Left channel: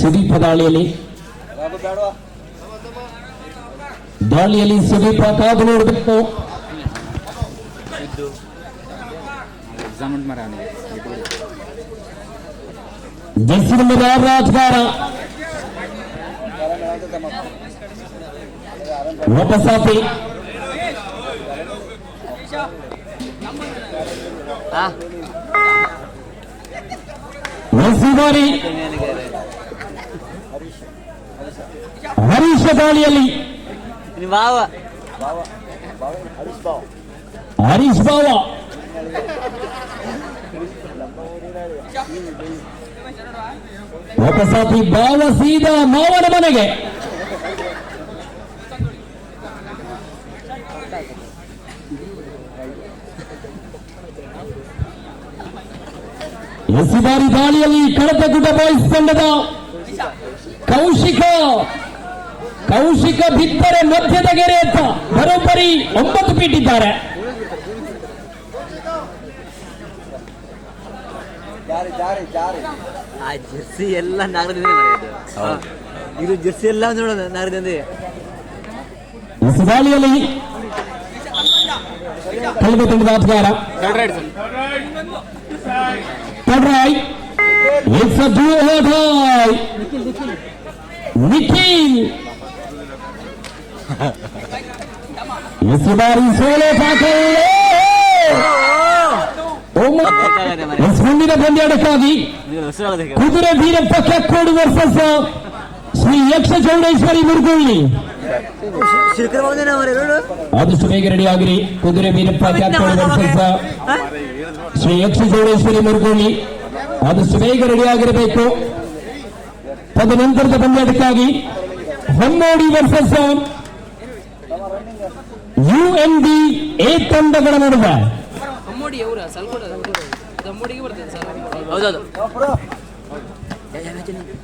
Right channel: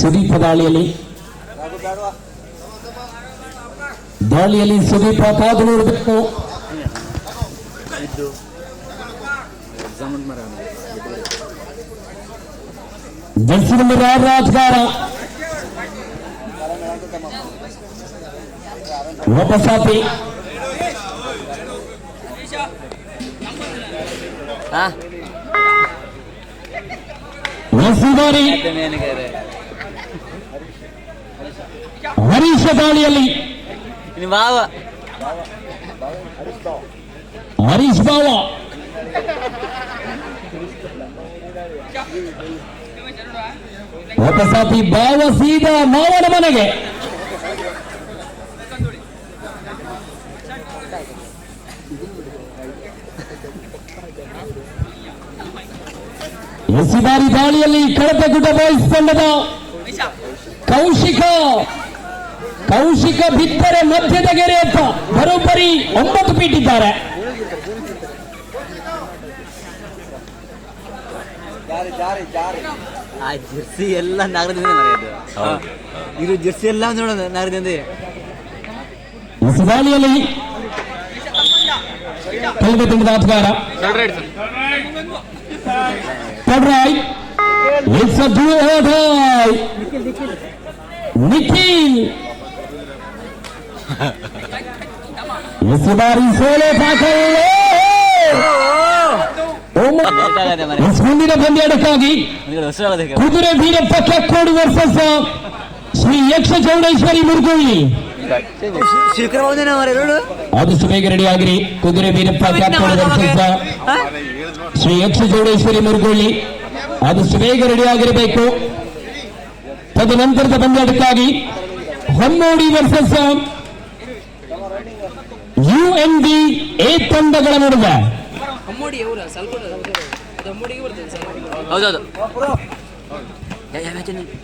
ಸುದೀಪ ದಾಳಿಯಲ್ಲಿ ಸುದೀಪ ಕಾದು ನೋಡಬೇಕು. ಜರ್ಸಿ ನಂಬರ್ 6 ಆಟಗಾರ ಲೋಪಸಾಪಿ ನರಸಿಂಹಾರಿ ಹರೀಶ ದಾಳಿಯಲ್ಲಿ ಹರೀಶ್ ಬಾವ ಲೋಪಸಾಪಿ ಬಾವ ಸೀದಾ ಮಾವನ ಮನೆಗೆ. ಎಸಿದಾರಿ ದಾಳಿಯಲ್ಲಿ ಕಳಪಗುಡ್ಡ ಬಾಯ್ಸ್ ತಂಡದ ಕೌಶಿಕ ಬಿತ್ತರೆ ಮಧ್ಯದ ಗೆರೆಯತ್ತ ಬರೋಬ್ಬರಿ 9 ಫೀಟ್ ಇದ್ದಾರೆ. ಜೆರ್ಸಿ ಎಲ್ಲ ನಾಗರದಿಂದ ಮರೆಯೋದು. ಇದು ಜೆರ್ಸಿ ಎಲ್ಲ ನೋಡೋದು ನಾಗರದಿಂದ. ದಾಳಿಯಲ್ಲಿ ಕಳೆದ ತಂಡದ ಆಟಗಾರ ನಿಖಿಲ್ ಬಾರಿ ಸೋಲೋ ಮುಂದಿನ ಪಂದ್ಯಾಟಕ್ಕಾಗಿ ಕುದುರೆ ವೀರಪ್ಪ ಕೆಕ್ಕೋಡಿ ವರ್ಸಸ್ ಶ್ರೀ ಯಕ್ಷ ಚೌಡೇಶ್ವರಿ ಮುರುಗಳ್ಳಿ. ಆದಷ್ಟು ಬೇಗ ರೆಡಿ ಆಗಿರಿ. ಕುದುರೆ ವೀರಪ್ಪ ಕೆಕ್ಕೋಡಿ ವರ್ಸಸ್ ಶ್ರೀ ಯಕ್ಷ ಚೌಡೇಶ್ವರಿ ಮುರುಗಳ್ಳಿ ಆದಷ್ಟು ಬೇಗ ರೆಡಿ ಆಗಿರಬೇಕು. ತದನಂತರದ ಪಂದ್ಯಾಟಕ್ಕಾಗಿ ಹೊನ್ನೋಡಿ ವರ್ಸಸ್ UNB ಎ ತಂಡಗಳ ನಡುವೆ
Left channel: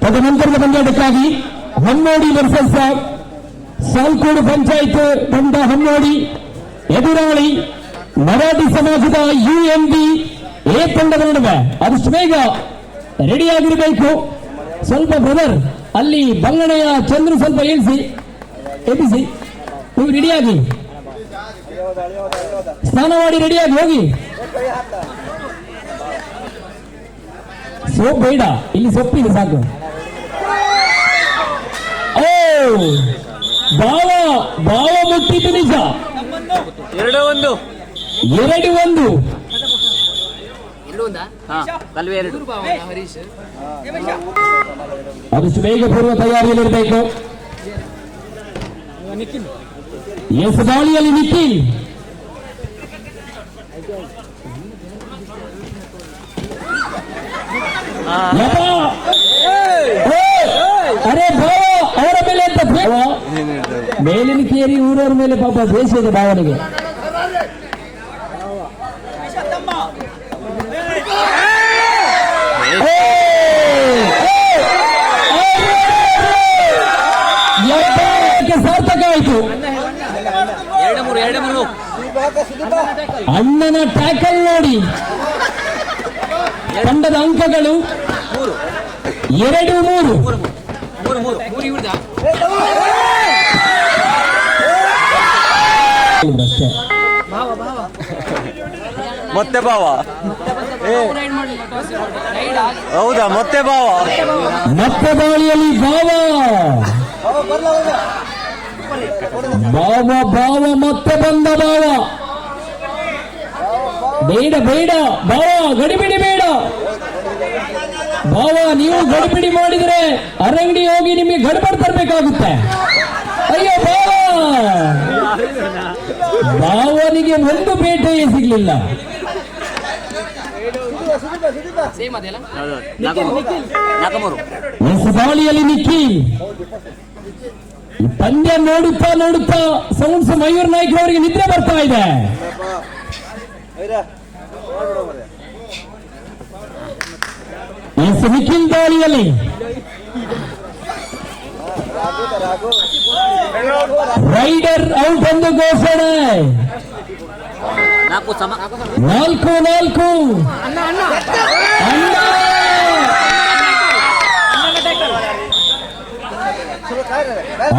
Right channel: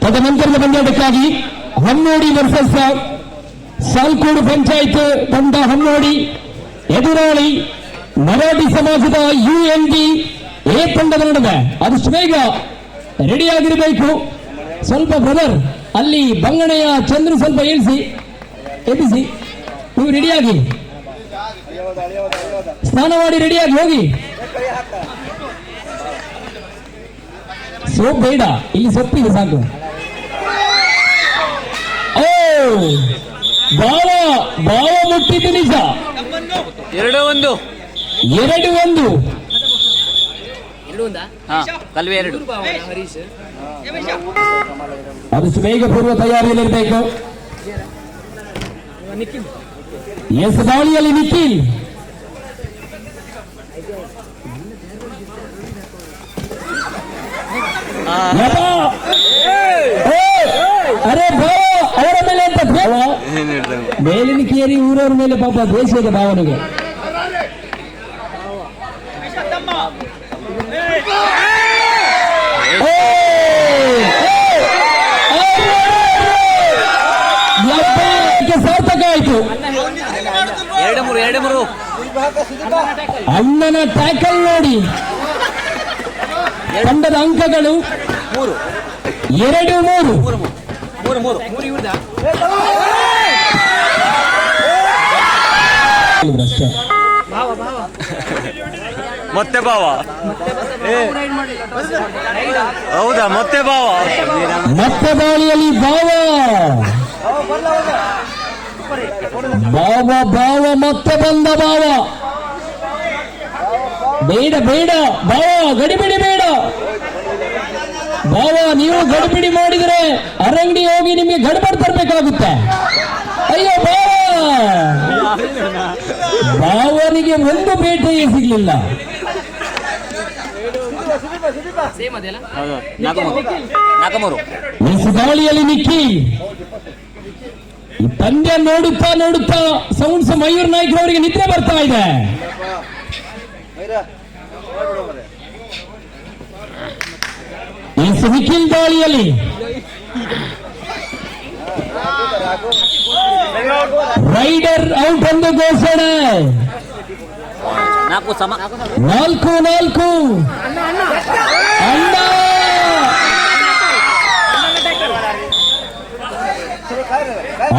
ತದನಂತರದ ಪಂದ್ಯಾಟಕ್ಕಾಗಿ ಹೊನ್ನೋಡಿ ವರ್ಸಸ್ ಸಾಲ್ಕೋಡು ಪಂಚಾಯತ್ ತಂಡ ಹೊನ್ನೋಡಿ ಎದುರಾಳಿ ಮರಾಠಿ ಸಮಾಜದ UNB ಎ ತಂಡಗಳ ನಡುವೆ ಆದಷ್ಟು ಬೇಗ ರೆಡಿ ಆಗಿರಬೇಕು. ಸ್ವಲ್ಪ ಬ್ರದರ್ ಅಲ್ಲಿ ಬಂಗಣೆಯ ಚಂದ್ರು ಸ್ವಲ್ಪ ಎಬ್ಬಿಸಿ ನೀವು ರೆಡಿಯಾಗಿ ಸ್ನಾನ ಮಾಡಿ ರೆಡಿಯಾಗಿ ಹೋಗಿ. ಸೋಪ್ ಬೇಡ, ಇಲ್ಲಿ ಸೊಪ್ಪಿದೆ ಸಾಕು. ಬಾವ ಮುಟ್ಟಿದ್ದು ನಿಜ. 2-1 ಆದಷ್ಟು ಬೇಗ ಪೂರ್ವ ತಯಾರಿಯಲ್ಲಿರಬೇಕು. ಎಸ್ ದಾಳಿಯಲ್ಲಿ ನಿಖಿಲ್ ಅರೆ ಬಾವ ಅವರ ಮೇಲೆ ಅಂತ ಮೇಲಿನ ಕೇರಿ ಊರವ್ರ ಮೇಲೆ ಪಾಪ ದೇಶದ ಭಾವನೆಗೆ ಸಾರ್ಥಕ ಆಯಿತು. ಅಣ್ಣನ ಟ್ಯಾಕಲ್ ನೋಡಿ ತಂಡದ ಅಂಕಗಳು 2-3. ಮತ್ತೆ ಬಾವ ಹೌದಾ? ಮತ್ತೆ ಬಾವ ಮತ್ತೆ ದಾಳಿಯಲ್ಲಿ ಬಾವ ಮತ್ತೆ ಬಂದ ಬಾವ. ಬೇಡ ಬಾವ, ಗಡಿಬಿಡಿ ಬೇಡ ಬಾವ. ನೀವು ಗಡಿಬಿಡಿ ಮಾಡಿದ್ರೆ ಅರಂಗಡಿ ಹೋಗಿ ನಿಮಗೆ ಗಡ್ಬಡ್ ತರಬೇಕಾಗುತ್ತೆ. ಅಯ್ಯೋ ಬಾವನಿಗೆ ಒಂದು ಬೇಟೆಯೇ ಸಿಗ್ಲಿಲ್ಲ. ದಾಳಿಯಲ್ಲಿ ನಿಖಿಲ್ ಪಂದ್ಯ ನೋಡುತ್ತಾ ಸೌಂಡ್ಸ್ ಮಯೂರ್ ನಾಯ್ಕ ಅವರಿಗೆ ನಿದ್ರೆ ಬರ್ತಾ ಇದೆ. ನಿಖಿಲ್ ದಾಳಿಯಲ್ಲಿ ರೈಡರ್ ಔಟ್ ಎಂದು ಘೋಷಣೆ. 4-4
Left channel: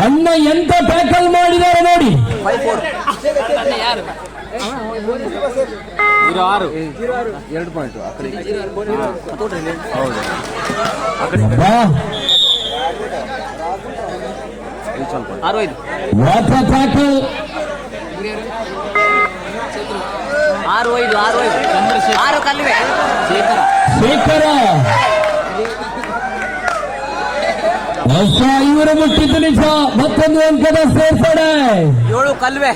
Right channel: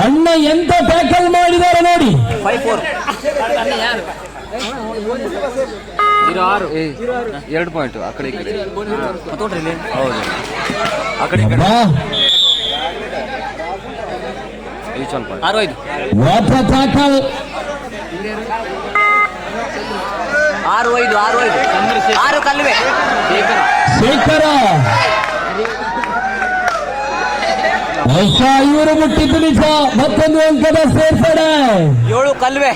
ಅಣ್ಣ ಎಂತ ಟ್ಯಾಕಲ್ ಮಾಡಿದ್ದಾರೆ ನೋಡಿ. 2 ಪಾಯಿಂಟ್ ಆ ಕಡೆ ಹೌದು ಆ ಕಡೆ ವಾಟರ್ ಟ್ಯಾಕಲ್ 6 ಕಲ್ವೆ ಶೇಖರ ಇವರು ಮುಟ್ಟಿ ತುಳಿಸ ಮತ್ತೊಂದು ಅಂಕದ ಸೇರ್ಪಡೆ. 7 ಕಲ್ವೆ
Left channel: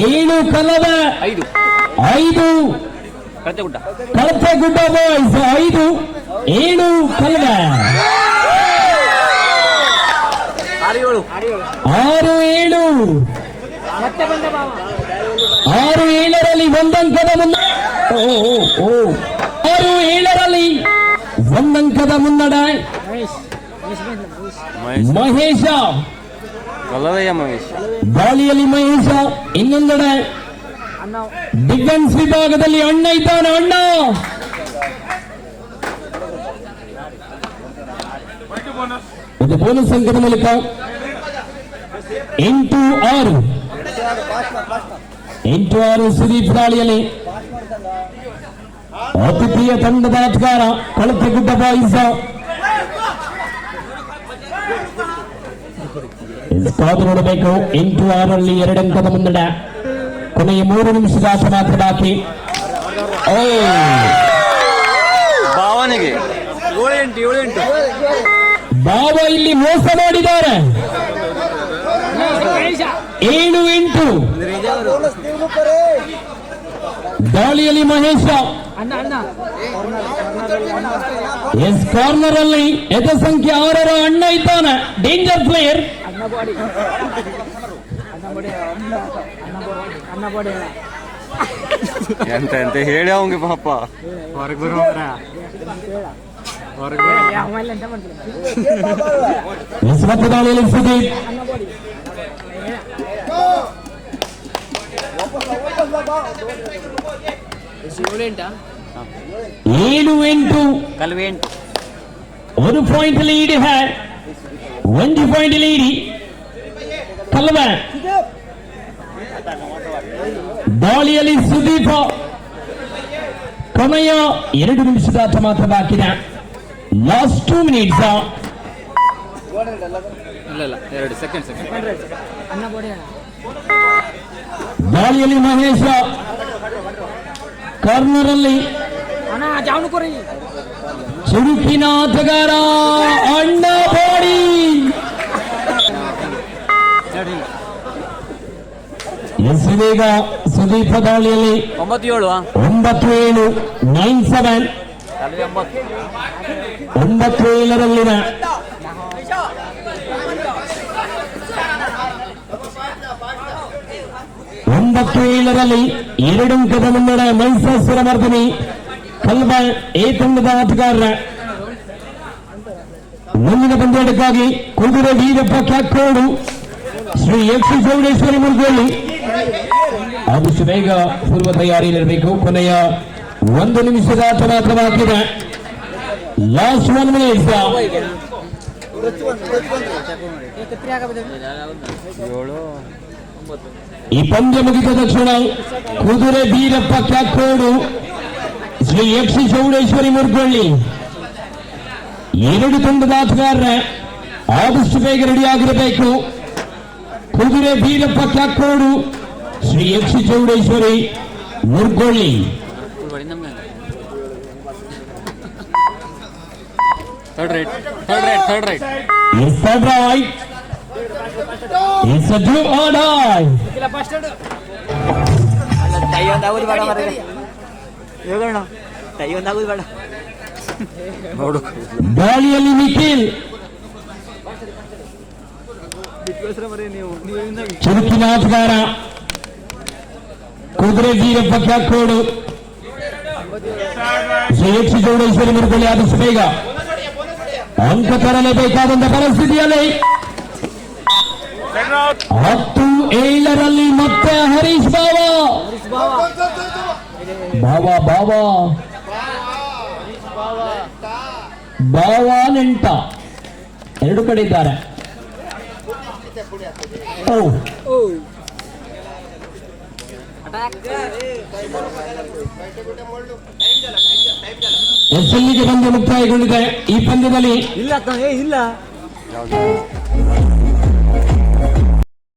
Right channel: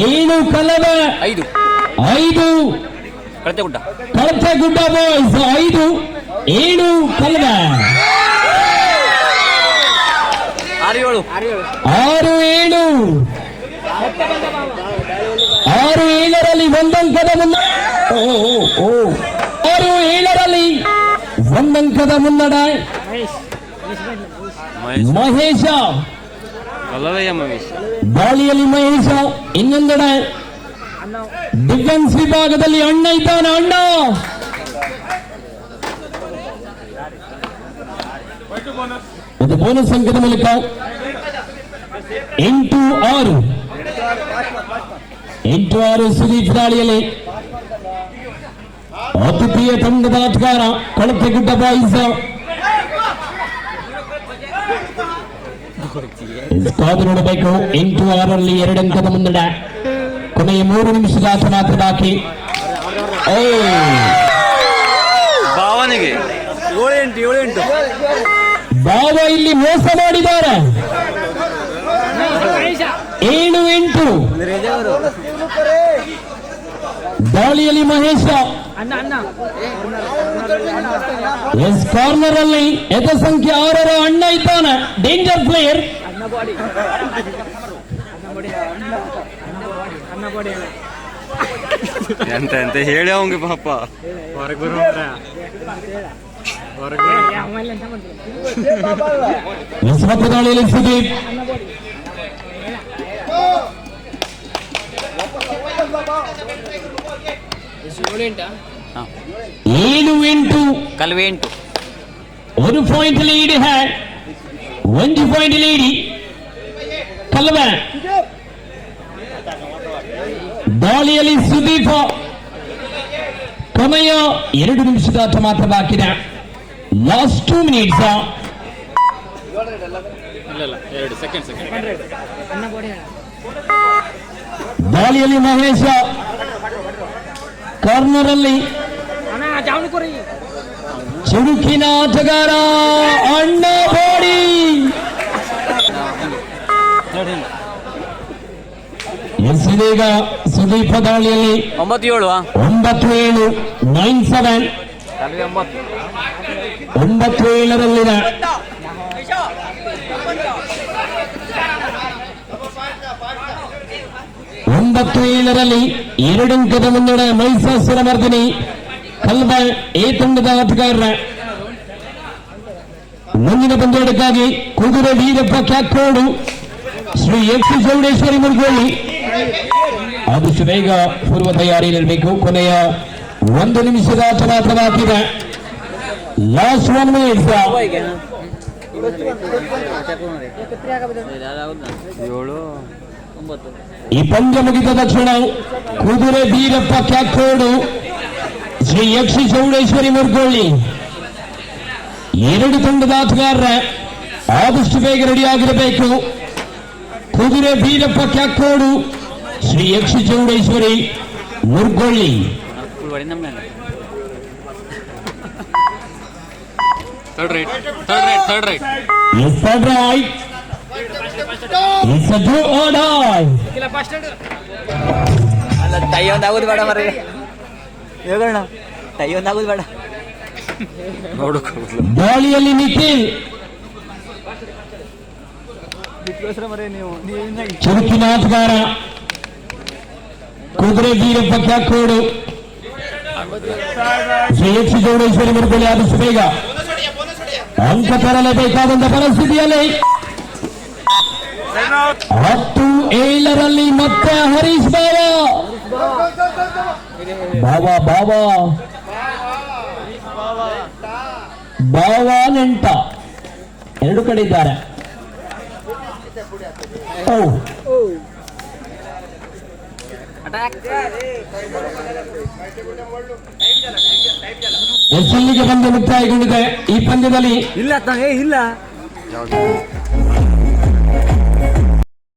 7 ಕಲವೆ 5 ಕಳಚಗುಡ್ಡ ಬಾಯ್ಸ್ 5 7 ಕಲವೆ 6-7ರಲ್ಲಿ ಒಂದಂಕದ 6-7ರಲ್ಲಿ ಒಂದಂಕದ ಮುನ್ನಡೆ. ಮಹೇಶ ಗಾಳಿಯಲ್ಲಿ ಮಹೇಶ ಇನ್ನೊಂದೆಡೆ ಡಿಫೆನ್ಸ್ ವಿಭಾಗದಲ್ಲಿ ಅಣ್ಣ ಇದ್ದಾನೆ. ಅಣ್ಣ ಇದು ಬೋನಸ್ ಅಂಕದ ಮೂಲಕ 8-6 ಸುದೀಪ್ ದಾಳಿಯಲ್ಲಿ ಅತಿಥಿಯ ತಂಡದ ಆಟಗಾರ ಕಳಪೆಗುಡ್ಡ ಬಾಯ್ಸ್ ಕಾದು ನೋಡಬೇಕು. 8-6ರಲ್ಲಿ 2 ಅಂಕದ ಮುನ್ನಡೆ. ಕೊನೆಯ 3 ನಿಮಿಷದ ಆಟ ಮಾತ್ರ ಬಾಕಿ. ಭಾವನೆಗೆ 7-8 ಬಾವ ಇಲ್ಲಿ ಮೋಸ ಮಾಡಿದ್ದಾರೆ. 7-8 ಗಾಳಿಯಲ್ಲಿ ಮಹೇಶ ಕಾರ್ನರ್ ಅಲ್ಲಿ ಎದ ಸಂಖ್ಯೆ 6ರ ಅಣ್ಣ ಇದ್ದಾನೆ. Danger player. ಎಂತ ಹೇಳಿ ಅವಂಗೆ ಪಾಪ ದಾಳಿಯಲ್ಲಿ ಸುದೀಪ್ 7-8 ಕಲ್ವೆ 1 ಪಾಯಿಂಟ್ ಲೀಡ್. 1 ಪಾಯಿಂಟ್ ಲೀಡ್ ಕಲ್ವೆ. ದಾಳಿಯಲ್ಲಿ ಸುದೀಪ. ಕೊನೆಯ 2 ನಿಮಿಷದ ಆಟ ಮಾತ್ರ ಬಾಕಿದೆ. Last 2 minutes. ದಾಳಿಯಲ್ಲಿ ಮಹೇಶ ಕಾರ್ನರ್ ಅಲ್ಲಿ ಚಿರುಕಿನ ಆಟಗಾರ ಅಣ್ಣ ಬಾಡಿ. ಎಸ್ಸೀಗ ಸುದೀಪ ದಾಳಿಯಲ್ಲಿ 9-7 9-7 9-7ರಲ್ಲಿನ 9-7ರಲ್ಲಿ 2 ಅಂಕದ ಮುನ್ನಡೆ. ಮೈಸಾಸುರ ಮರ್ದಿನಿ ಕಲ್ಬ ಎ ತಂಡದ ಆಟಗಾರರ. ಮುಂದಿನ ಪಂದ್ಯಾಟಕ್ಕಾಗಿ ಕುದುರೆ ವೀರಪ್ಪ ಕ್ಯಾಪ್ಟನ್ ಶ್ರೀ ಎಚ್ ಚೌಡೇಶ್ವರಿ ಮುರುಗೋಳಿ ಆದಷ್ಟು ಬೇಗ ಪೂರ್ವ ತಯಾರಿಯಲ್ಲಿರಬೇಕು. ಕೊನೆಯ 1 ನಿಮಿಷದ ಆಟ ಮಾತ್ರ ಬಾಕಿದೆ. Last 1 minute. 7-9 ಈ ಪಂದ್ಯ ಮುಗಿದ ತಕ್ಷಣ ಕುದುರೆ ವೀರಪ್ಪ ಕ್ಯಾಕೋಡು ಶ್ರೀ ಎಚ್ ಚೌಡೇಶ್ವರಿ ಮುರುಗೋಳಿ 2 ತಂಡದ ಆಟಗಾರರ ಆದಷ್ಟು ಬೇಗ ರೆಡಿಯಾಗಿರಬೇಕು. ಕುದುರೆ Veerappa Kyakodu Shri H Chowdeshwari Murugoli. Third right It's a right. It's a blue order. Tie ಒಂದಾಗುದು ಬೇಡ ಮರ ಯೋಗಣ್ಣ. ಟೈ ಒಂದಾಗುದು ಬೇಡ ಗಾಳಿಯಲ್ಲಿ ನಿಖಿಲ್ ಚುರುಕಿನ ಆಟಗಾರ ಕುದುರೆ ವೀರಪ್ಪ ಕ್ಯಾಕೋಡು ಶ್ರೀ ಎಚ್ ಚೌಡೇಶ್ವರಿ ಮುರುಗೋಳಿ ಆದಷ್ಟು ಬೇಗ ಅಂಕ ತರಲೇಬೇಕಾದಂತ ಪರಿಸ್ಥಿತಿಯಲ್ಲಿ 10-7ರಲ್ಲಿ ಮತ್ತೆ ಹರೀಶ್ ಬಾವ ನೆಂಟ 2 ಕಡೆ ಇದ್ದಾರೆ. ಓ ಅಟ್ಯಾಕ್ ಎಸ್ಎಲ್ಗೆ ಪಂದ್ಯ ಮುಕ್ತಾಯಗೊಂಡಿದೆ. ಈ ಪಂದ್ಯದಲ್ಲಿ ಇಲ್ಲ ಇಲ್ಲ ಯಾವ್ದು